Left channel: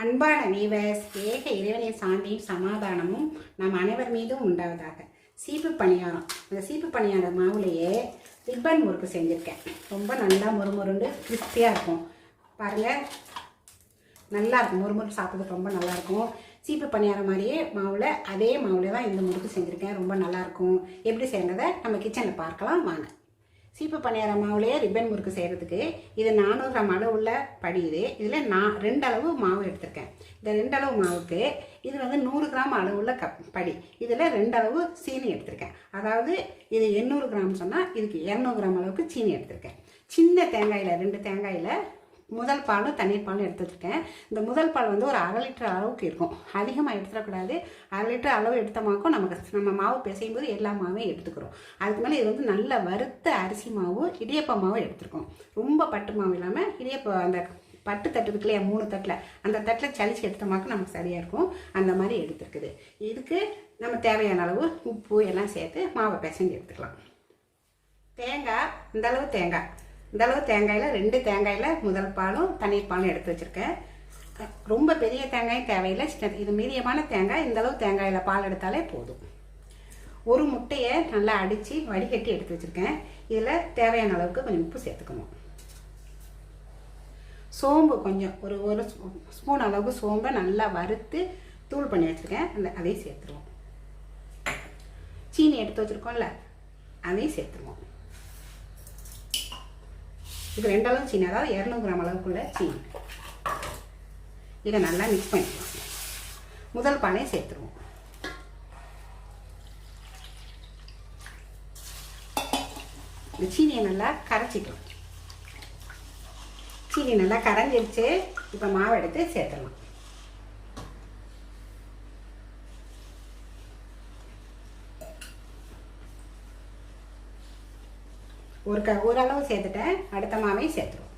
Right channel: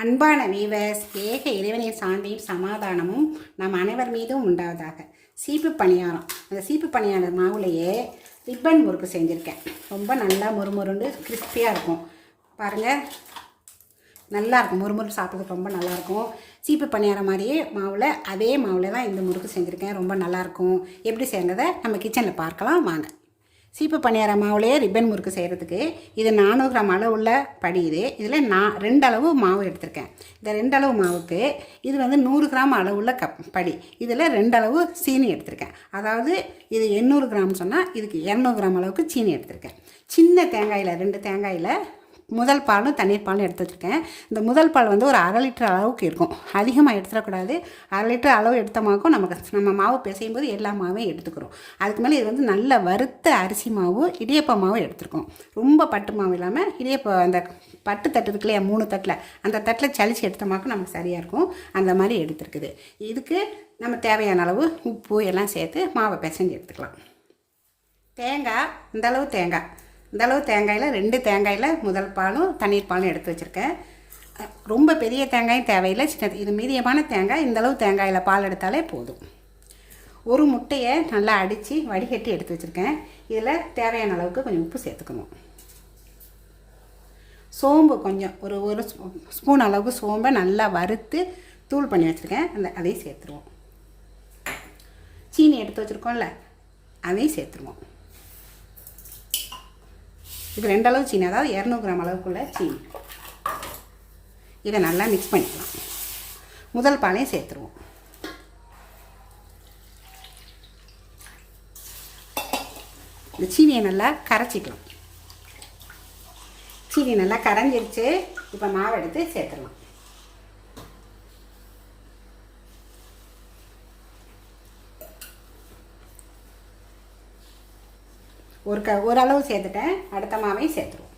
அன்பான வீவர்ஸ் ஏக இறைவனின் சாந்தியும் சமாதானமும் நம் அனைவர் மீதும் உண்டாவதாக. சீப்பு பணியாரம். அந்த சீப்பு பணியார மாவுலையே ரிப்பன் முறுக்கு செஞ்சுருக்கேன். ரொம்ப நல்லா முறுமுறுண்டு கிறிஸ்பியாக இருக்கும். பாருங்கள் நல்லாயிருக்கும் முறுமுறு சாப்பிட்றதுக்கு ரொம்ப நல்லாயிருக்கும் சீப்பு பணியாரம் மாதிரியே மாவில் அதே மாவில் தான் இந்த முறுக்கு செஞ்சுருக்கேன். ரொம்ப நல்லாயிருக்கும் எப்படி செய்யறதை நம்ம கிச்சனில் பார்க்கலாம். வாங்க. சீப்பு பணியார மாவுலேயே ரிப்பன் முறுக்கு செய்கிறதுக்கு இது நானூறு கிராம் அளவுள்ள படி இது. இதில் நான் ரெண்டு அளவு மாவு எடுத்திருக்கேன். இந்த ரெண்டு அளவு மாவுக்கு இது வந்து நூறு கிராம் அளவுள்ள கப் படி. இதில் ரெண்டு அளவு சீனி எடுத்திருக்கேன். அதாவது இது எண்ணூறு கிராம் சொன்னால் இதுக்கு இரநூறு கிராம் அளவுக்கு சீனி எடுத்திருக்கேன். சின்ன தேங்காயில் ரெண்டு தேங்காயில் முதல் பாலும் தண்ணீர் பாலும் எடுத்து வச்சுருக்கேன். இந்த முதல் பால் வந்து ஒரு அரை லிட்டர் அளவுக்கு இருக்கும். அதிகமாக எடுத்துடக்கூடாது. அரை லிட்டர் அளவு எடுத்தமாக்கும் நமக்கு நம்ம மாவு பிசையும் போது எல்லா மாவையும் எடுத்துக்கிறோம். அதுக்கு மேலே இது வந்து நல்ல வறுத்த அரிசி மாவு இடியப்ப மாவு எடுத்துருக்கோம். ரொம்ப பட்டு மாவு இல்லாமல் இடியப்ப அந்த பட்டு தட்டு இருக்கு இல்லையா மூணு தட்டில் அந்த தட்டில் சளிச்சு எடுத்தமாக்கும் நமக்கு சரியாக இருக்கும். அந்த மாதிரி எடுத்துருக்குது. இதுக்கு நம்ம தேவையான அளவு உப்பு எல்லாம் சேர்த்து மாவை பிசைஞ்சு எடுத்துக்கலாம். தேங்காய் இந்தளவு தேங்காய். இந்தளவு தேங்காயில் ரெண்டு தேங்காயில் முதல் பாலும் தண்ணீர் பாலும் எடுத்து வச்சுருக்கேன். ரொம்ப பெரிய தேங்காயும் தேவையில்லை. சின்ன இது மீடியமான தேங்காய். இந்த அளவு தேங்காயில் பால் எடுத்தாலே போதும். ஒரு முட்டையை நல்லா அடித்து வடிகட்டி எடுத்து வச்சுருக்கேன். இதில் தேவையான அளவுக்கு கொஞ்சம் உப்பு சேர்த்துக்கணும். சோம்பு கொஞ்சம் ஒரு ஒரு ஸ்பூன் அளவுக்கு சோம்பை நல்லா வறுத்து தூள் பண்ணி வச்சுருக்கேன். அந்த அதையும் சேர்த்துருவோம். சீனி எடுத்து வச்சுருக்கோம்ல அதையும் சேர்த்துருவோம். இது ரெண்டு அளவு சீனி அதாவது இரநூறு கிராம் அளவுக்குள்ள சீனி. இதை நல்லா மிக்ஸ் பண்ணிக்கலாம் முதல் பாலையும் சேர்த்துருவோம். இந்த சீனியை நல்லா கரைச்சிக்கலாம். சீனி நல்லா கரைஞ்சிருச்சு இப்போ மாவு எடுத்து சேர்த்துடலாம். ஒரு க ஓரளவு சேர்த்துட்டேன். அடுத்த மாவையும் சேர்த்துருவோம்.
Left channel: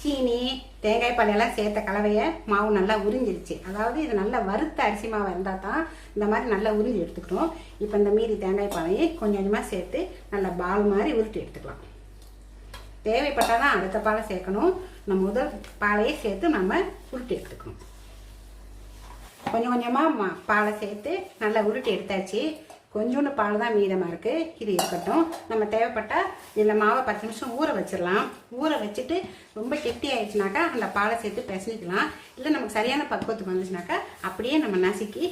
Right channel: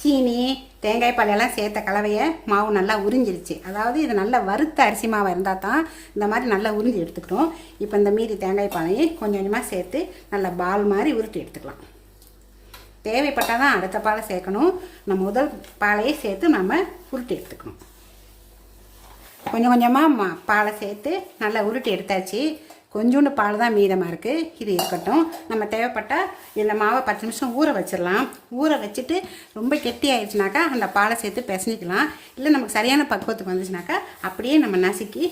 சீனி தேங்காய் பாலையெல்லாம் சேர்த்த கலவையை மாவு நல்லா உறிஞ்சிருச்சு. அதாவது இது நல்லா வறுத்த அரிசி மாவு இருந்தால் தான் இந்த மாதிரி நல்லா உறிஞ்சி எடுத்துக்கிறோம் இப்போ இந்த மீதி தேங்காய் பாலையை கொஞ்சம் கொஞ்சமாக சேர்த்து நல்லா பால் மாதிரி உருட்டி எடுத்துக்கலாம். தேவைப்பட்டால் தான் அடுத்த பாலை சேர்க்கணும். நம்ம முதல் பாலையே சேர்த்து நம்ம உருட்டி எடுத்துக்கணும். கொஞ்சம் கொஞ்சமாக மா பாலை சேர்த்து நல்லா உருட்டி எடுத்தாச்சு. கொஞ்சோண்டு பால் தான் மீதமாக இருக்குது இது இருக்கட்டும். நம்ம தேவைப்பட்டால் இதில் மாவை பத்து நிமிஷம் ஊற வச்சிடலாம். ஊற வச்சுட்டு ரொம்ப கெட்டி ஆயிடுச்சுனாக்கா அந்த பாலை சேர்த்து பிசைஞ்சிக்கலாம். இல்லை நமக்கு சரியான பக்குவத்துக்கு வந்துச்சுனாக்கா அப்படியே நம்ம நசுக்கி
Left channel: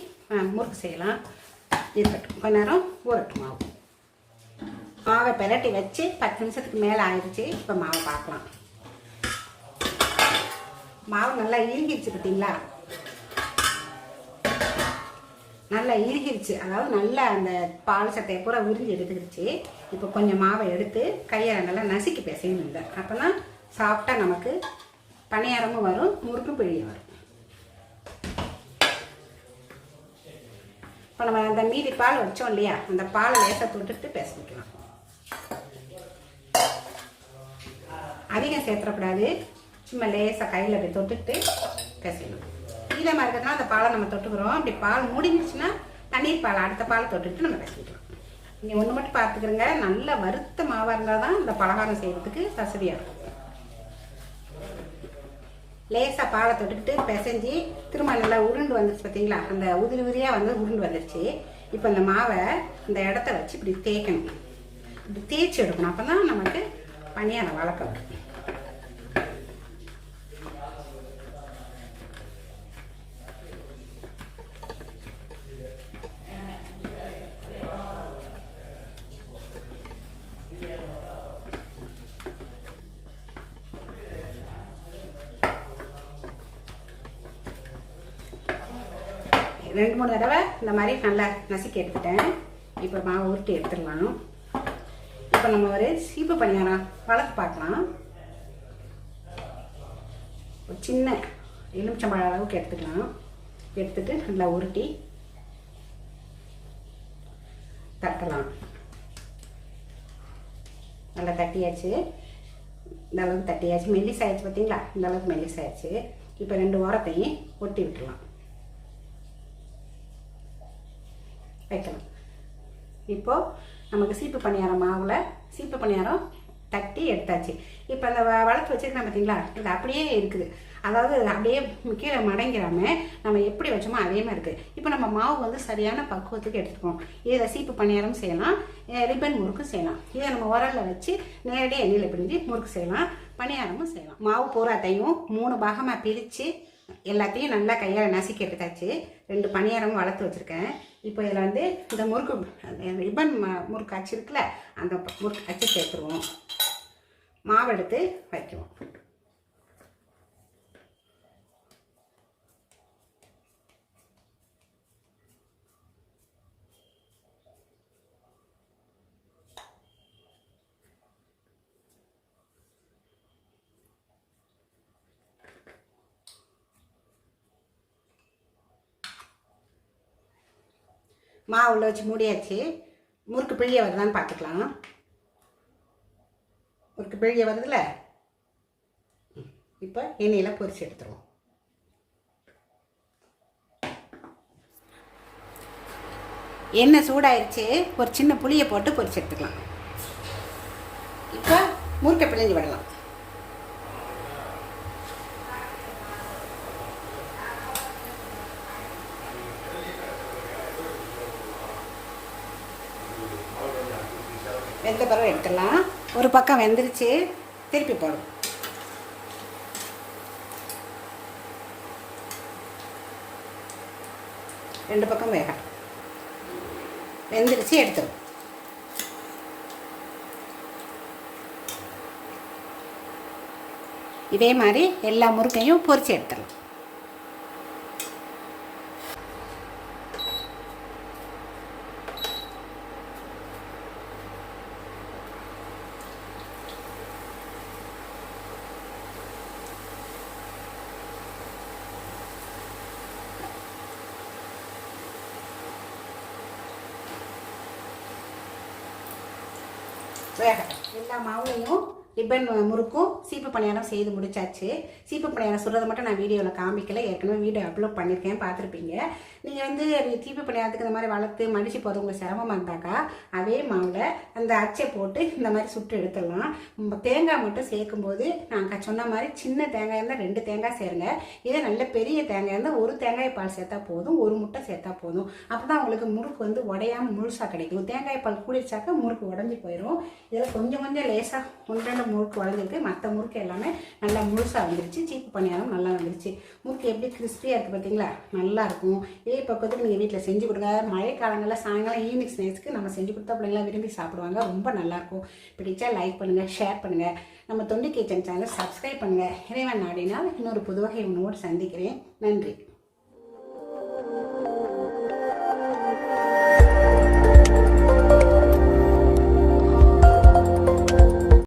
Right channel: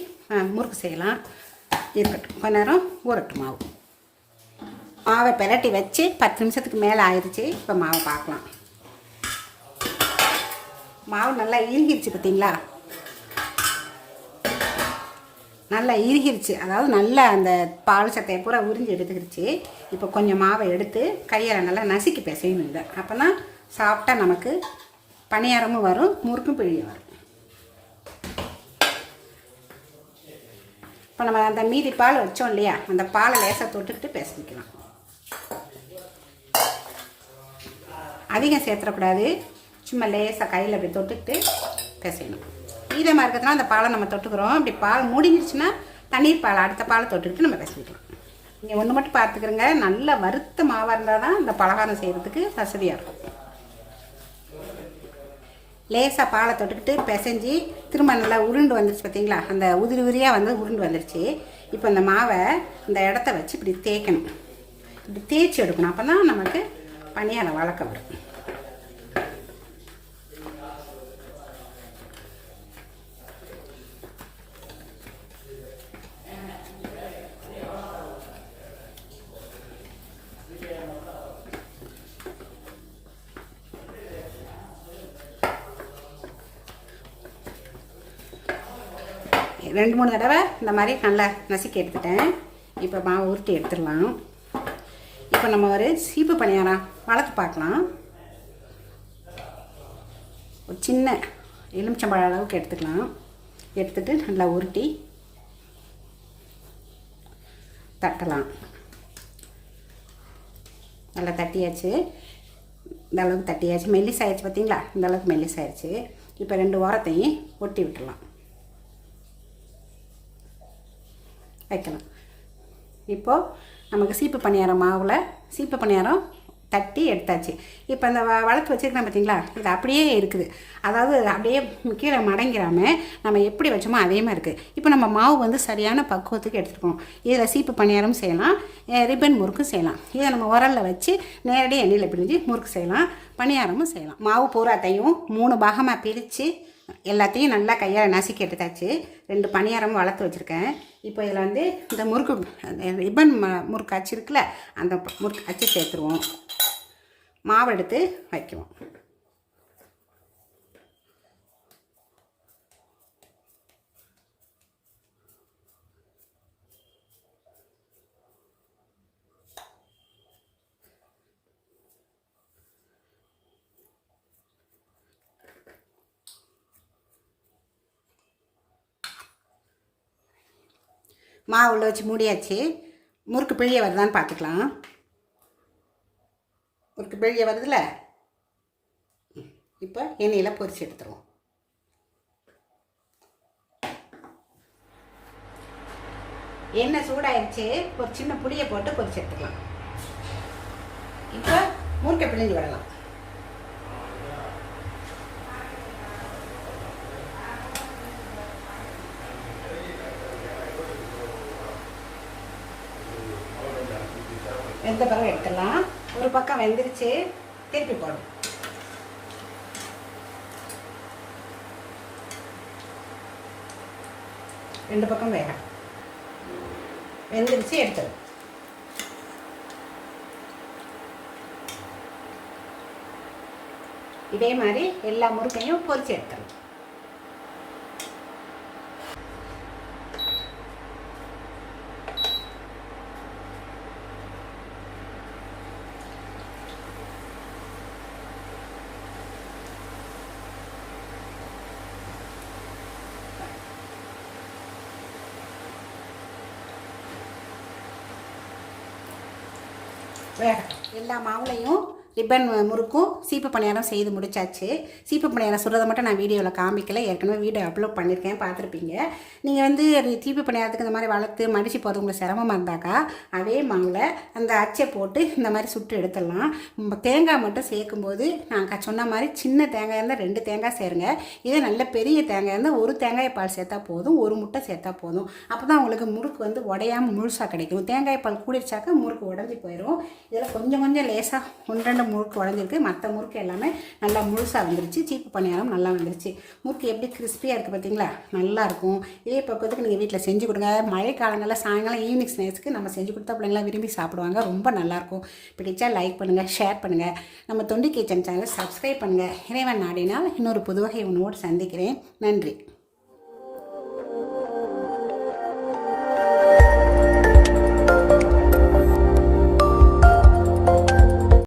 முறுக்கு செய்யலாம். இருக்கட்டும். கொஞ்ச நேரம் ஊறட்டும் மாவு. மாவை பிரட்டி வச்சு பத்து நிமிஷத்துக்கு மேலே ஆயிடுச்சு. இப்போ மாவை பார்க்கலாம். மாவு நல்லா இறுகிருச்சு பார்த்தீங்களா? நல்லா இறுகிருச்சு. அதாவது நல்லா அந்த பால் சத்தையை பூரா உறிஞ்சி எடுத்துக்கிடுச்சு இப்போ கொஞ்சம் மாவை எடுத்து கையால் நல்லா நசுக்கி பிசையணும் இதை. அப்போ தான் சாப்பிட்டா நமக்கு பணியாரமும் வரும் முறுக்கும் பிழியும் வரும். இப்போ நம்ம அந்த மீதி பால் வச்சோம் இல்லையா? அந்த பாலை லேசாக தொட்டுட்டு பிசைஞ்சிக்கலாம். அதிகம் சேர்த்துடக்கூடாது சும்மா லேசாக கையில் அப்படி தொட்டுக்கிட்டு பிசையணும் ஈரமாக இருக்கிறதுனா அந்த பாலை நம்ம தொட்டுக்கிறோம். அப்படி பால் முடிஞ்சிருச்சுன்னா தண்ணீர் பால் அடுத்த பாலை தொட்டுக்கிட்டு நம்ம பிசைஞ்சிக்கலாம் நீங்கள் ஒன்று மட்டும் பார்த்துக்கிறங்க. நல்ல வறுத்த மாவாக இருந்தால் தான் இந்த பலகாரம் செய்கிறதுக்கு வசதியாக இருக்கும். லேசாக பாலை தொட்டுக்கிட்டு பிசைஞ்சு திரும்ப நல்லா உருண்டு வந்துருச்சு பார்த்தீங்களா அந்த உதிரி உதிரியாக வந்து உருண்டு வந்துருச்சு. இப்போ இந்த மாவை இந்த இடத்த வச்சு இப்படி தேய்க்கணும். இப்படி தேய்ச்சி எடுக்கணும். அப்போ தான் நமக்கு பனியாரம் வளர்க்க விடும் ரெண்டு மூணு தடவை இந்த மாதிரி நல்லா நசுக்கி எடுத்துட்டேன். இப்போ மாவு உருட்டி எடுத்துடலாம். இப்போ நம்ம ஒரு சீப்பு பணியாரம் வளர்த்து பார்க்கலாம். ஒரு சின்ன எலுமிச்சம்பழம் அளவுக்கு எடுத்துக்கலாம். எடுத்துட்டு நல்லா உருட்டி தட்டலாம். நல்லா தட்டியாச்சு. இந்த அளவுக்கு தட்டியாச்சு. மெல்லிசாயிடுச்சு பார்த்தீங்களா இந்த அளவுக்கு மெல்லிசாயிடுச்சு இப்போ ரெண்டு ஓரத்தையும் ஒட்டி விட்டுலாம் வைக்கலாம். இப்போது நமக்கு சீப்பு பணியாரம் மாவில் சீப்பு பணியாரம் தட்டி எடுத்தாச்சு. இப்போ அந்த வ வளர்த்து வச்சுருக்கேன் பார்த்தீங்களா இது அப்படியே இருக்குது. அதாவது அப்படியே கீழே மடங்கிறாமல் நம்ம எப்படி வச்சோமோ அதே மாதிரி இருக்குது இப்போ நம்ம மாவு வந்து சரியான பக்குவத்துக்கு எடுத்துருக்கோம் இதில் சீப்பு பணியாரம் செய்யலாம். ரிப்பன் முறுக்கு செய்யலாம். இதை நம்ம உரலில் வச்சு நேரடியாக எண்ணெயில் பிரிஞ்சு முறுக்கு செய்யலாம். பணியாரமும் செய்யலாம். மாவு பூராத்தையும் மூணு பாகமாக பிரித்து எல்லாத்தையும் நல்லா கையால் நசுக்கி எடுத்தாச்சு. ரெண்டு பணியாரமும் வளர்த்து வச்சுருக்கேன். இப்போ இதில் வந்து இந்த முறுக்கு ரிப்பன் ம முறுக்கு அச்சு இருக்குல்ல அந்த முறுக்கு அச்சு சேர்த்துருவோம். மாவு எடுத்து வைக்குவோம். மாவு உள்ள வச்சு மூடியாச்சு. முறுக்கு பிழிய வருதான்னு பார்த்துக்கலாம் முறுக்கு பிழிய வருதுல்ல இப்போ எண்ணெயில் பொரிச்சு எடுத்துருவோம். எண்ணெய் சூடாயிருச்சு. ஒரு சின்ன புளியை போட்டு பொரிச்சு எடுத்துக்கலாம். இப்போ முறுக்கை பிழிஞ்சு விடலாம். வெந்த பிறகு எடுத்துடலாம். ஒரு பக்கம் வெந்துருச்சு. திருப்பி போடும் ரெண்டு பக்கம் வேக வெந்துருச்சு எடுத்துடும் இதே மாதிரி எல்லா முறுக்கையும் பொரிச்சு எடுத்துடலாம் வேக எல்லா மாவுலையும் ரிப்பன் முறுக்கும் சீப்பு பணியாரம் செய்து முடிச்சாச்சு. சீப்பு பணியாரம் சுடுறத மட்டும் நான் வீடியோவில் காமிக்கல. ஏற்கனவே வீடியோ அப்லோட் பண்ணியிருக்கேன் பார்த்துருப்பீங்க. நீங்கள் வந்து சீப்பு பணியாரத்துக்கு இந்த மாதிரி வளர்த்து மடித்து போகிறது உங்களுக்கு சிரமமாக இருந்தாக்கா அதே மாவில் அந்த அச்சை போட்டு இந்த மாதிரி சுட்டு எடுத்துடலாம். தேங்காய் மட்டும் சேர்க்கும்போது நான் சொன்ன மாதிரி சின்ன தேங்காய் இருந்தால் ரெண்டு தேங்காய் சேருங்க. இதே நல்ல பெரிய தேங்காய் இருந்தால் ஒரு தேங்காய் பால் சேர்த்தா போதும் ஒரு முட்டை சேர்த்தா போதும். அப்போ தான் உங்களுக்கு முறுக்கு வந்து உடையாமல் முழுசாக கிடைக்கும். தேங்காய் பால் கூடிச்சாக்க முறுக்கு உடஞ்சி போயிடும் இதில் கொஞ்சம் கொஞ்சம் லேசாக ஒன்று ரெண்டு முறுக்கு உடஞ்சிருக்கு மற்ற முறுக்கு எல்லாமே நல்லா முழுசாக வந்துருச்சு. சீப்பு பணியாரம் நல்லா வந்துருச்சு. முறுக்கு எப்படி கிறிஸ்பியாக இருக்குது பார்த்தீங்களா நல்லாயிருக்கும் இதே பக்கத்துக்கு நீங்கள் வீட்டில் செஞ்சு கொடுங்க. மழை காலங்களில் சாயங்காலம் ஈவினிங் ஸ்நாக்ஸ்க்கு நம்ம செஞ்சு கொடுத்தா பிள்ளைங்களாம் விரும்பி சாப்பிடுவாங்க. ரொம்ப நல்லாயிருக்கும் பிடிச்சா லைக் பண்ணுங்கள் ஷேர் பண்ணுங்கள் நம்ம தொண்டி கிச்சன் சேனலை சப்ஸ்கிரைப் பண்ணுங்கள் இறைவன் நாடினால் இன்னொரு புது வகை உணவோடு சந்திக்கிறேன். நன்றி.